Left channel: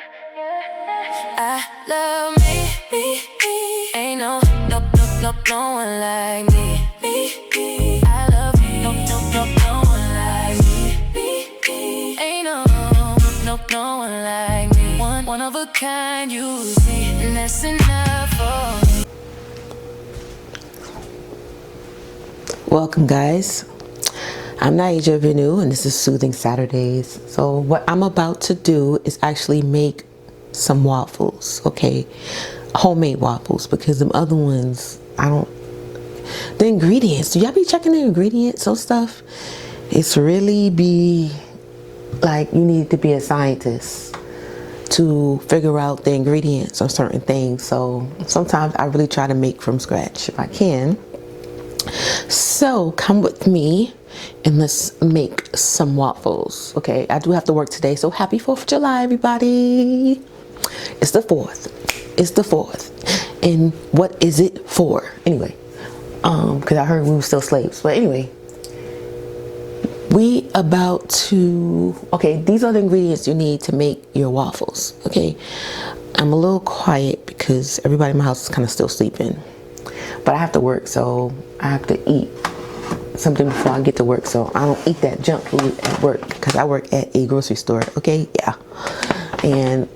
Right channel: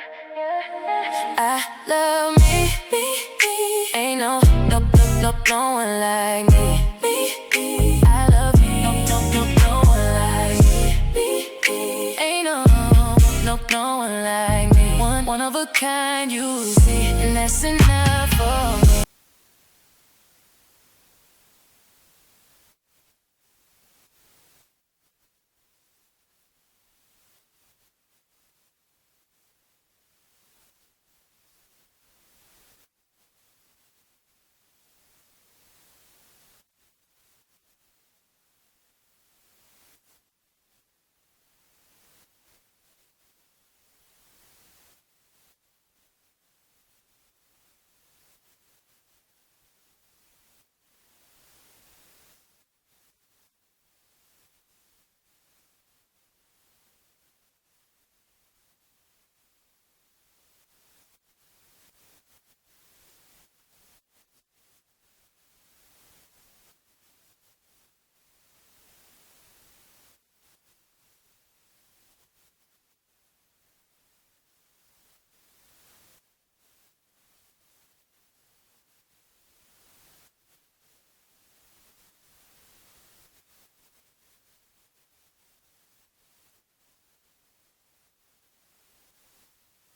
I love me. Ain't no one like me. I love me. No one like me. Ain't no one like me. One of a kind, you see, and that's enough for me. Welcome, guys. I'm Naija Venu, and this is Soothing Saturdays. So what I'm about to do is actually make some waffles, okay? Homemade waffles, because the other ones, the ingredients, do y'all be checking the ingredients on stuff? It's really be like you need to be a scientist to figure out the ingredients on certain things. So sometimes I really try to make from scratch if I can. So come with me and let's make some waffles. Okay, I do have to work today, so happy 4th of July, everybody. It's the 4th. It's the 4th. And what is it for? Anyway, because I heard we were still slaves. But anyway, we about to, okay, these are the ingredients you need to make your waffles. Okay, I'm a little quiet because everybody in my house is kind of still sleeping. But I have to work, so I have to eat something before I get to work. So I don't eat that junk food at work because I work at a grocery store, okay? Yeah. And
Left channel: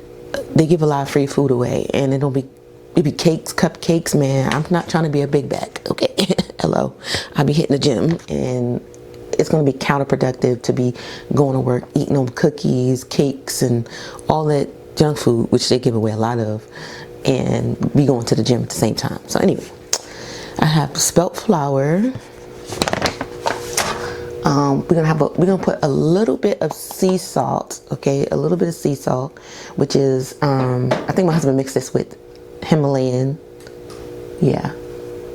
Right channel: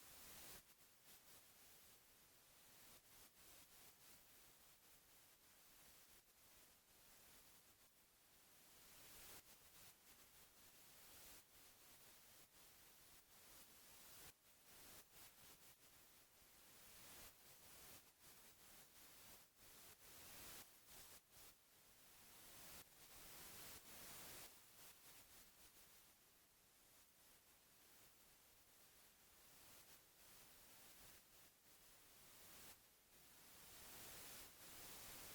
they give a lot of free food away, and it be cakes, cupcakes, man. I'm not trying to be a big bag, okay? Hello. I'll be hitting the gym, and it's going to be counterproductive to be going to work, eating them cookies, cakes, and all that junk food, which they give away a lot of, and be going to the gym at the same time. So anyway, I have spelt flour. We're gonna put a little bit of sea salt, okay? A little bit of sea salt, which is I think my husband mixed this with Himalayan, yeah,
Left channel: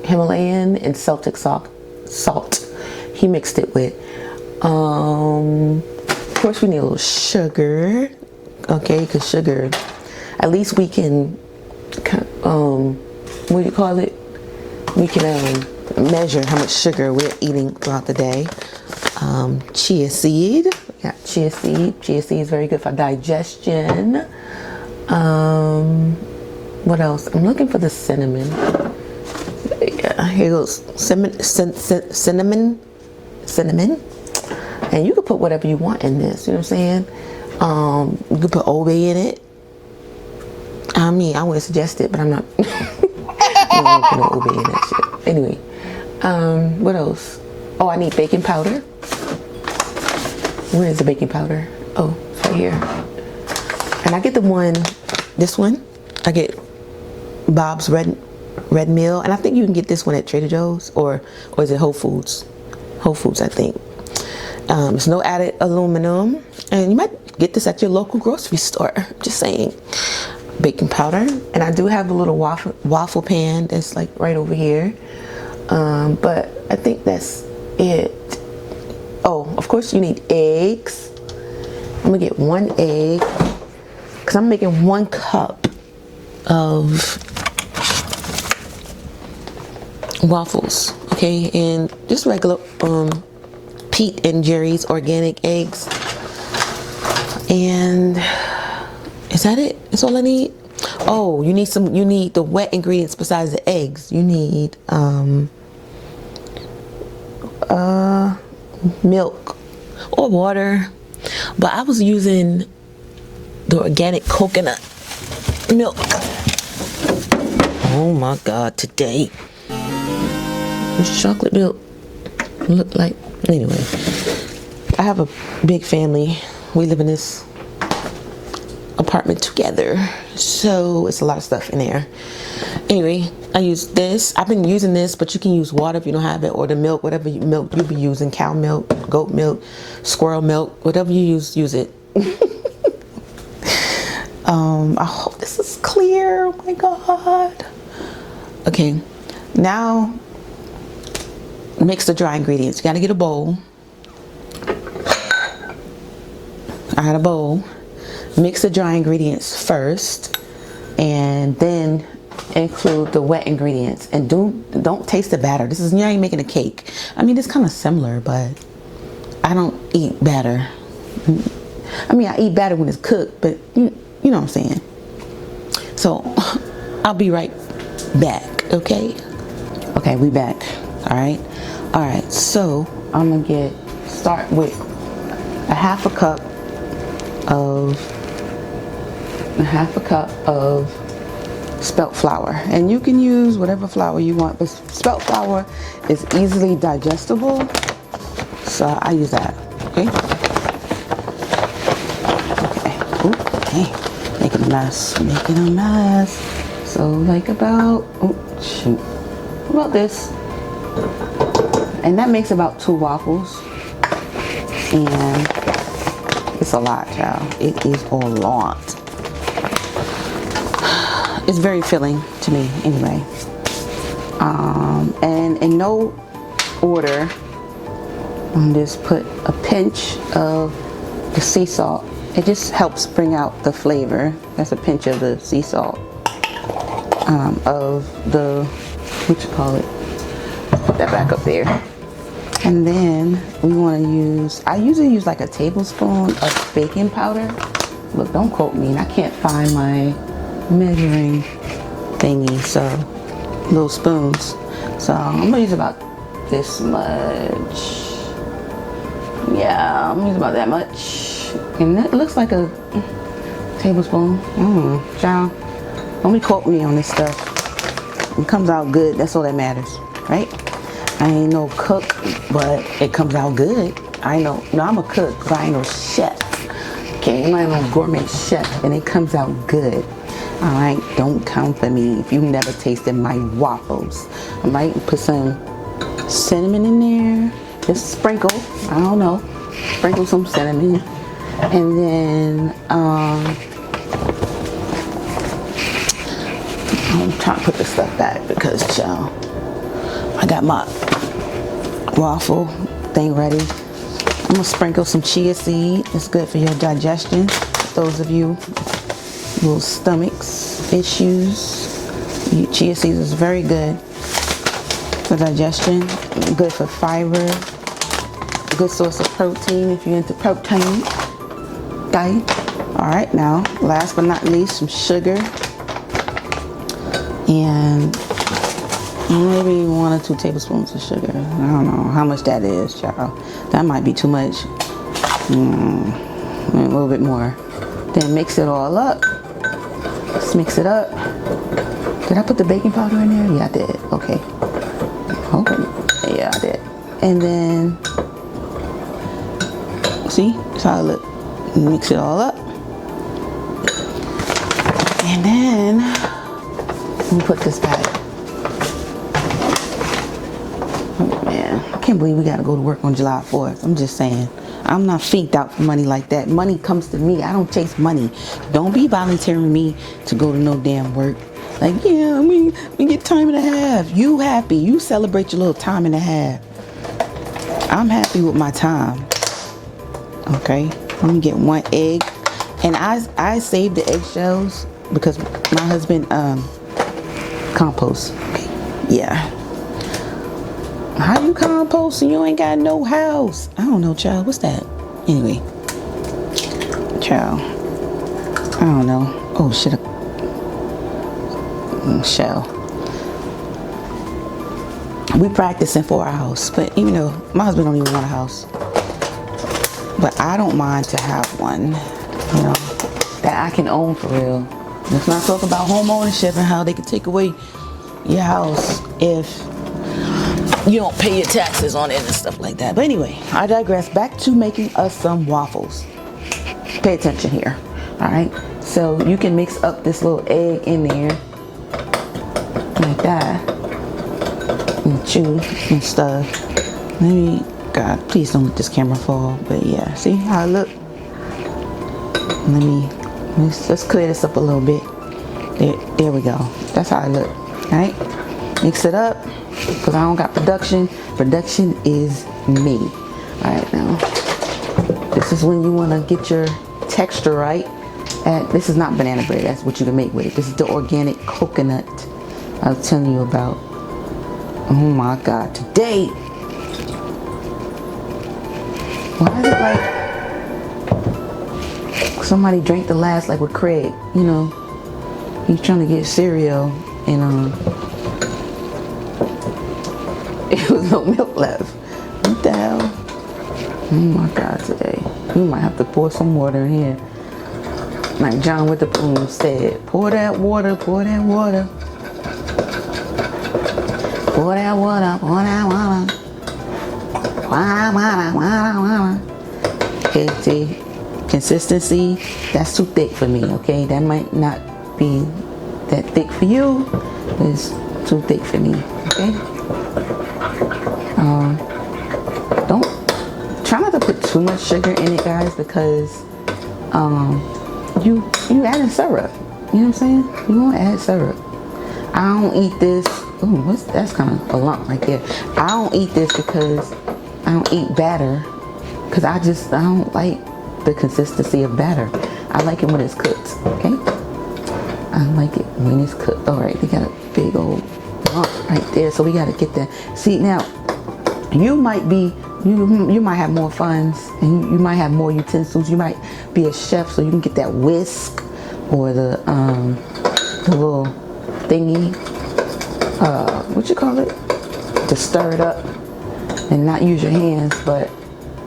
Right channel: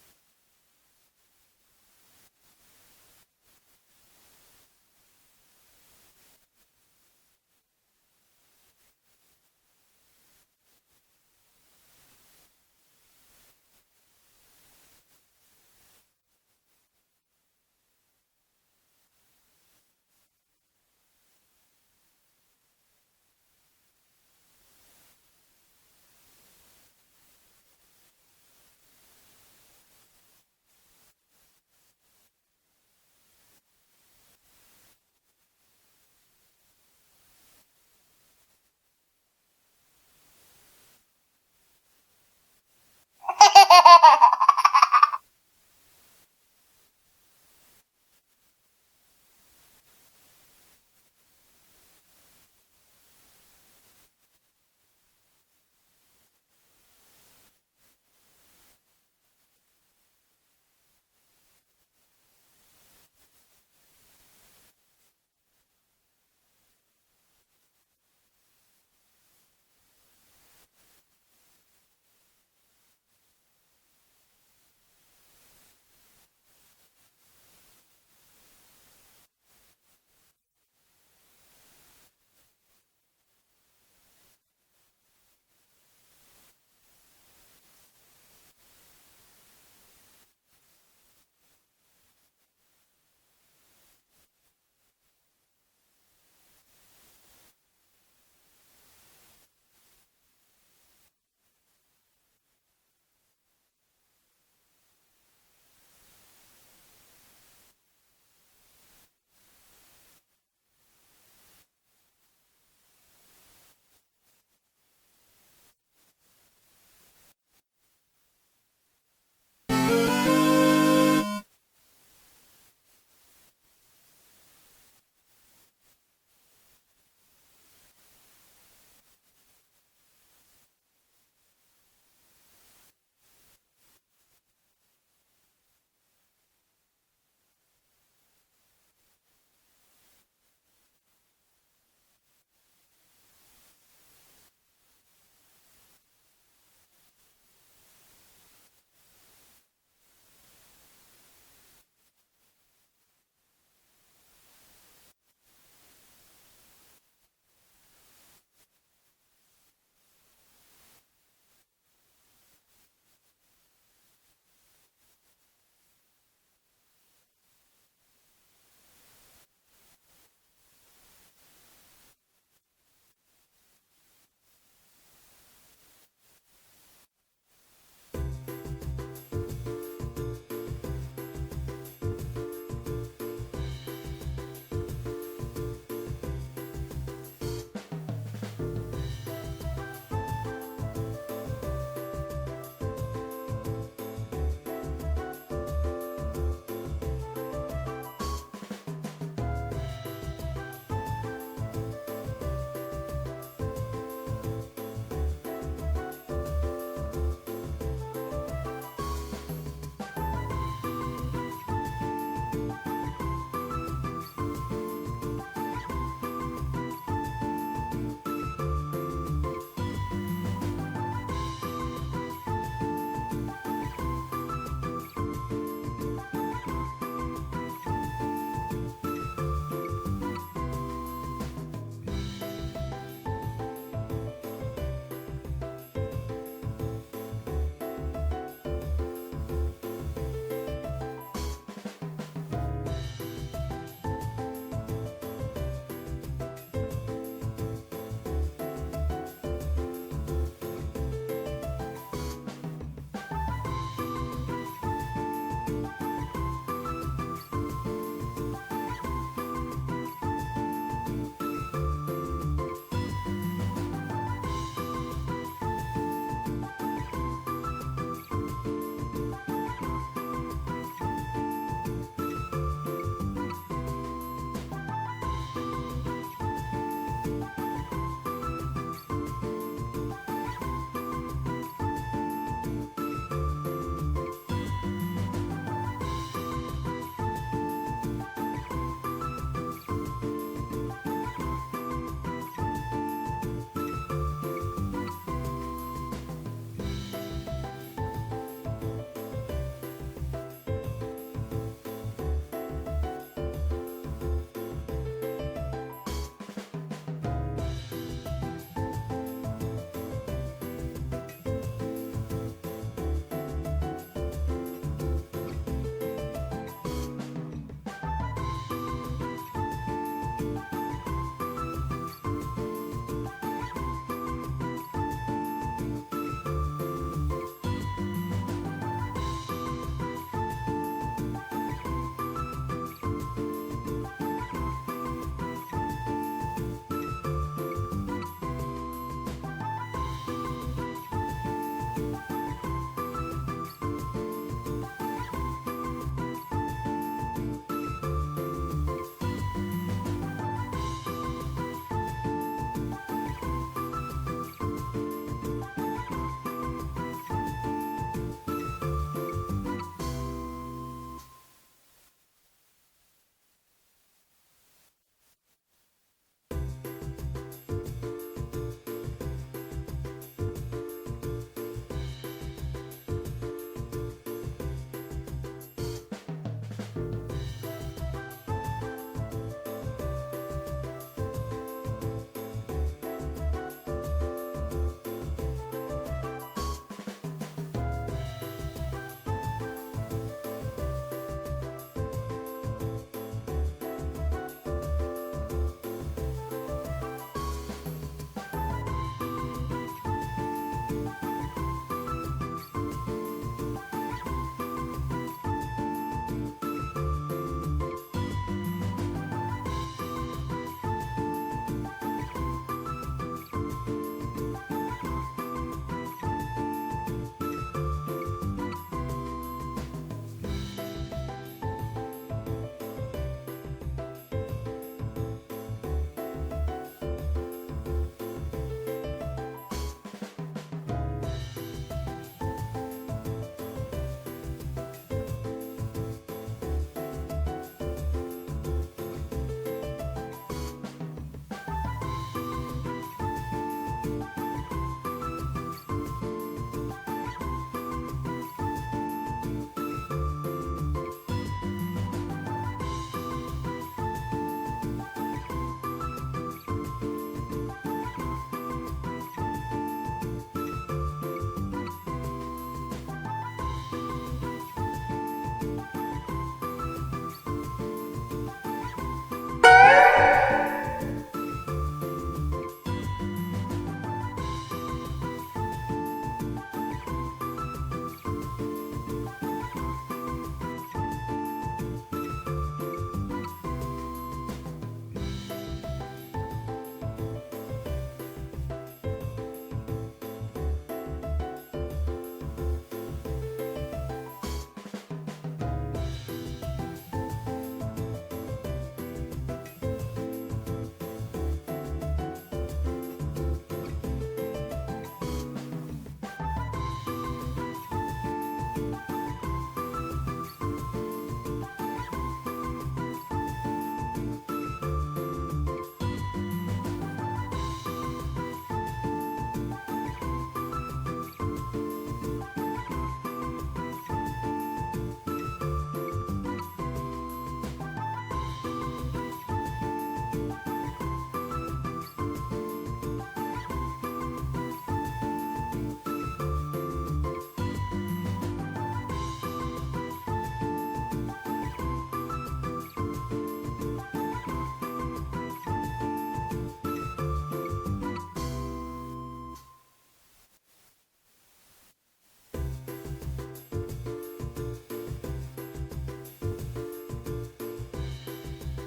Himalayan and Celtic salt. He mixed it with. Of course, we need a little sugar, okay? Because sugar, at least we can, what do you call it? We can measure how much sugar we're eating throughout the day. Chia seed. Yeah, chia seed. Chia seed is very good for digestion. What else? I'm looking for the cinnamon. Yeah, here goes. Cinnamon. And you can put whatever you want in this. You know what I'm saying? You can put Old Bay in it. I mean, I wouldn't suggest it, but I'm not. Anyway, what else? Oh, I need baking powder. Where is the baking powder? Oh, it's right here. And I get this one. I get Bob's Red Mill, and I think you can get this one at Trader Joe's or is it Whole Foods? Whole Foods, I think. It's no added aluminum, and you might get this at your local grocery store. Just saying. Baking powder, and I do have a little waffle pan that's like right over here, but I think that's it. Oh, of course you need eggs. I'm gonna get 1 egg because I'm making 1 cup of waffles, okay? And just regular Pete and Jerry's organic eggs. And is that it? That's all I need? Oh, you need the wet ingredients besides the eggs. You need milk or water. But I was using the organic coconut milk. Oh my God, today. What's chocolate milk look like? Anyway, I have a big family. We live in this apartment together, so it's a lot of stuff in there. Anyway, I use this. I've been using this, but you can use water if you don't have it, or the milk, whatever milk you'll be using, cow milk, goat milk, squirrel milk, whatever you use it. I hope this is clear. Oh my God. Okay, now mix the dry ingredients. You gotta get a bowl. I had a bowl. Mix the dry ingredients first, and then include the wet ingredients. And don't taste the batter. This is, you ain't making a cake. I mean, it's kind of similar, but I don't eat batter. I mean, I eat batter when it's cooked, but You know what I'm saying? So I'll be right back, okay? Okay, we back. All right. So I'm gonna start with a half a cup of spelt flour, and you can use whatever flour you want, but spelt flour is easily digestible, so I use that. Okay. Okay. Making a mess. So like about about this, and that makes about 2 waffles, and it's a lot, child. It is a lot. It's very filling to me, anyway. And in no order, I'm just put a pinch of the sea salt. It just helps bring out the flavor. That's a pinch of the sea salt. Of the, what you call it? Put that back up there. And then we want to use, I usually use like a tablespoon of baking powder. Look, don't quote me. I can't find my measuring thingy, so little spoons. So I'm gonna use about this much. Yeah, I'm gonna use about that much. And that looks like a tablespoon. Child, don't quote me on this stuff. It comes out good. That's all that matters, right? I ain't no cook, but it comes out good. I know. No, I'm a cook, but I ain't no chef. Okay, I'm not no gourmet chef, and it comes out good. All right, don't come for me if you've never tasted my waffles. I might put some cinnamon in there, just sprinkle. I don't know, sprinkle some cinnamon, and then I'm trying to put this stuff back because, child, I got my waffle thing ready. I'm gonna sprinkle some chia seed. It's good for your digestion. Those of you little stomachs issues, chia seeds is very good for digestion, good for fiber, good source of protein if you're into protein diet. All right, now last but not least, some sugar, and maybe 1 or 2 tablespoons of sugar. I don't know how much that is, child. That might be too much. A little bit more. Then mix it all up. Let's mix it up. Did I put the baking powder in there? Yeah, I did. Okay. Yeah, I did. And then, see? That's how it look. Mix it all up. And then, let me put this back. Oh man, I can't believe we gotta go to work on July 4th. I'm just saying. I'm not finked out for money like that. Money comes to me. I don't chase money. Don't be volunteering me to go to no damn work. Like, yeah, we get time and a half. You happy. You celebrate your little time and a half. I'm happy with my time. Okay? I'm gonna get 1 egg. And I saved the eggshells because my husband composts. Okay. Yeah. How you compost and you ain't got no house? I don't know, child. What's that? Anyway. Child. I don't know. Oh, shit. Shell. We practicing for our house. But, you know, my husband don't even want a house. But I don't mind to have one, you know, that I can own for real. Let's not talk about home ownership and how they can take away your house if you don't pay your taxes on it and stuff like that. But anyway, I digress. Back to making us some waffles. Pay attention here. All right. So you can mix up this little egg in there like that and chew and stuff. Maybe, God, please don't let this camera fall. But yeah, see how it look? Let's clear this up a little bit. There we go. That's how it look. All right. Mix it up. Because I don't got production. Production is me. Alright, now. This is when you want to get your texture right. And this is not banana bread. That's what you can make with it. This is the organic coconut I was telling you about. Oh my God. Today. Why is it like somebody drank the last, like with Craig, you know, he's trying to get cereal and it was no milk left. What the hell? Oh my God, today. We might have to pour some water in here. Like John with the Plume said, pour that water, pour that water. Pour that water, pour that water. Water, water, water, water. Okay, see, consistency, that's too thick for me, okay? That might not be that thick for you. It's too thick for me, okay? Don't try not to put too much sugar in it, guys, because you adding syrup. You know what I'm saying? You want to add syrup. I don't eat this. Ooh, that's kind of a lump right there. I don't eat this because I don't eat batter, because I don't like the consistency of batter. I like it when it's cooked, okay? I like it when it's cooked. All right, we got a big old lump right there, so we got to get that. See, now, you might have more funds, and you might have more utensils. You might be a chef, so you can get that whisk or the little thingy, what you call it, to stir it up and not use your hands. But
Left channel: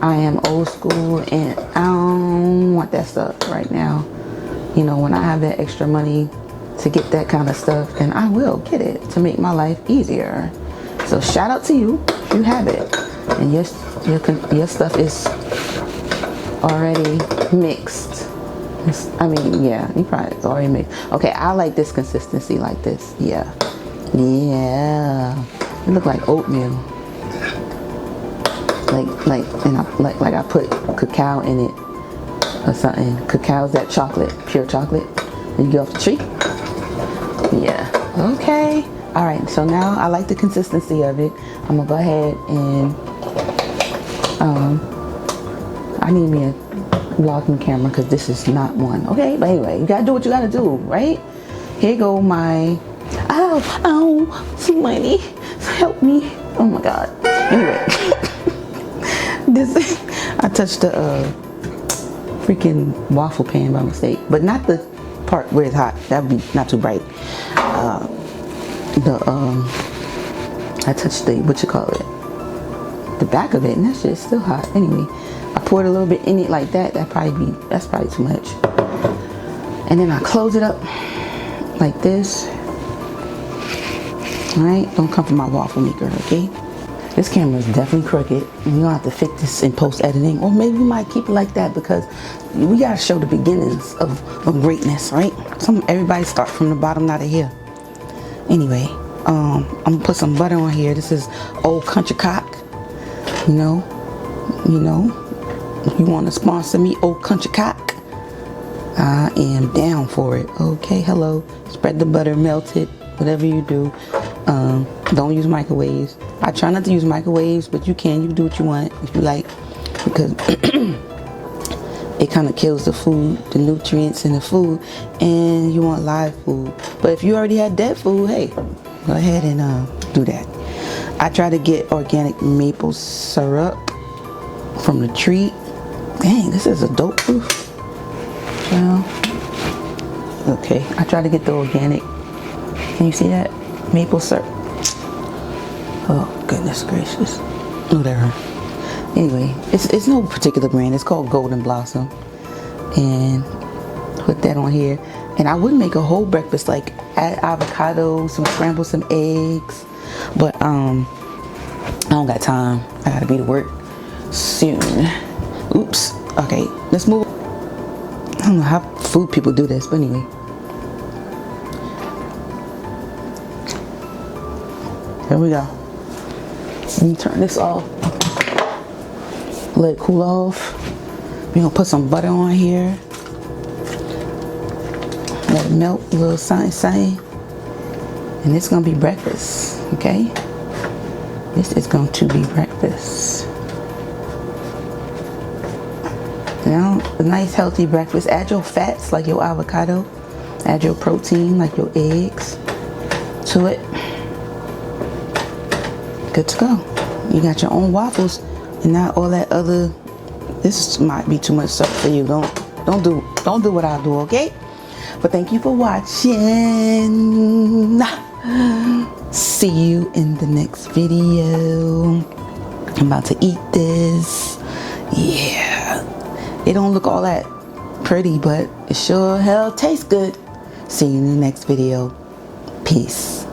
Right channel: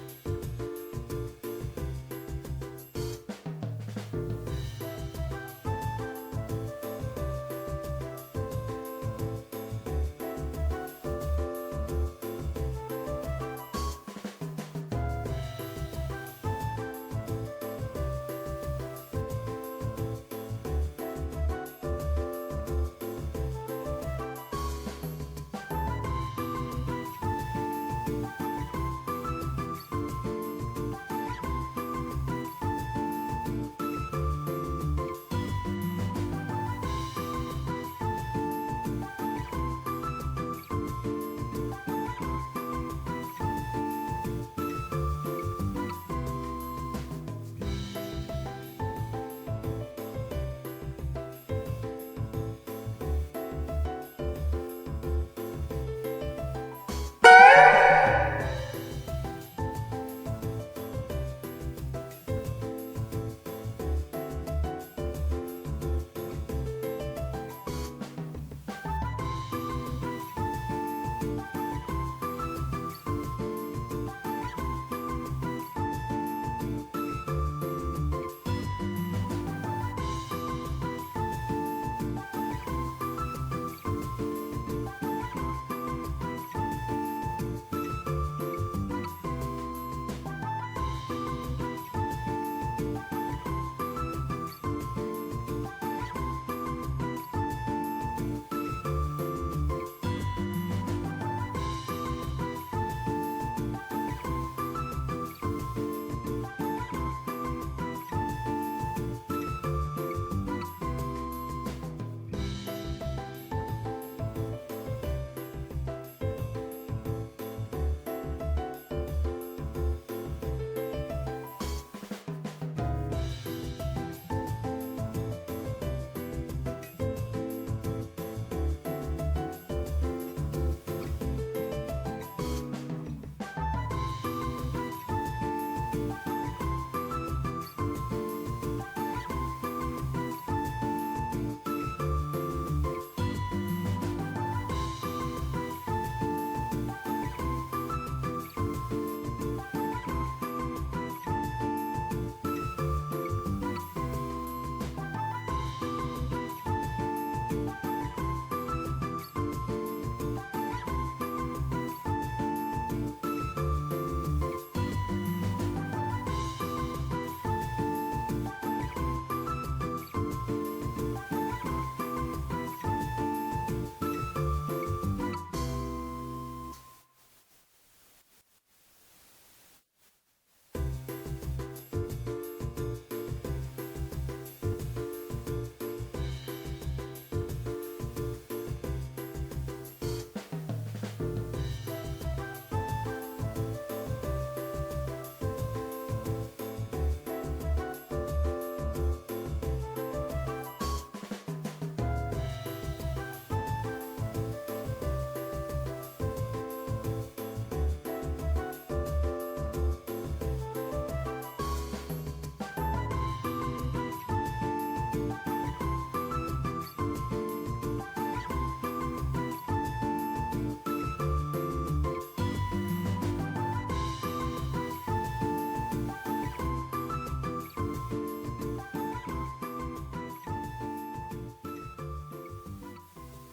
I am old school and I don't want that stuff right now. You know, when I have that extra money to get that kind of stuff, then I will get it to make my life easier. So shout out to you if you have it and your stuff is already mixed. I mean, yeah, you probably it's already mixed. Okay, I like this consistency like this. Yeah. It look like oatmeal. Like I put cacao in it or something. Cacao is that chocolate, pure chocolate that you get off the tree. Yeah. Okay. All right. So now I like the consistency of it. I'm gonna go ahead and I need me a vlogging camera because this is not one. Okay. But anyway, you gotta do what you gotta do, right? Here go my. Oh, somebody help me. Oh my God. Anyway. I touched the freaking waffle pan by mistake, but not the part where it's hot. That would be not too bright. I touched the, what you call it, the back of it, and that shit's still hot. Anyway, I poured a little bit in it like that. That's probably too much. And then I close it up like this. All right, don't come from my waffle maker, okay? This camera is definitely crooked. You're gonna have to fix this in post-editing, or maybe we might keep it like that because we gotta show the beginnings of greatness, right? Everybody start from the bottom, not here. Anyway, I'm gonna put some butter on here. This is Old Country Cock. You know, if you want to sponsor me, Old Country Cock, I am down for it. Okay, hello. Spread the butter, melt it, whatever you do. Don't use microwaves. I try not to use microwaves, but you can do what you want if you like, because it kind of kills the food, the nutrients in the food, and you want live food. But if you already had dead food, hey, go ahead and do that. I try to get organic maple syrup from the tree. Dang, this is a dope proof. Well, okay, I try to get the organic. Can you see that? Maple syrup. Oh, goodness gracious. Whatever. Anyway, it's no particular brand. It's called Golden Blossom. And put that on here. And I would make a whole breakfast, like add avocado, scramble some eggs. But I don't got time. I gotta be to work soon. Oops. Okay, let's move. I don't know how food people do this, but anyway. Here we go. Let me turn this off. Let it cool off. We're gonna put some butter on here. Let it melt a little something. And it's gonna be breakfast, okay? This is going to be breakfast. Now, a nice healthy breakfast. Add your fats like your avocado. Add your protein like your eggs to it. Good to go. You got your own waffles and not all that other. This might be too much stuff for you. Don't Don't do what I do, okay? But thank you for watching. See you in the next video. I'm about to eat this. Yeah. It don't look all that pretty, but it sure hell tastes good. See you in the next video. Peace.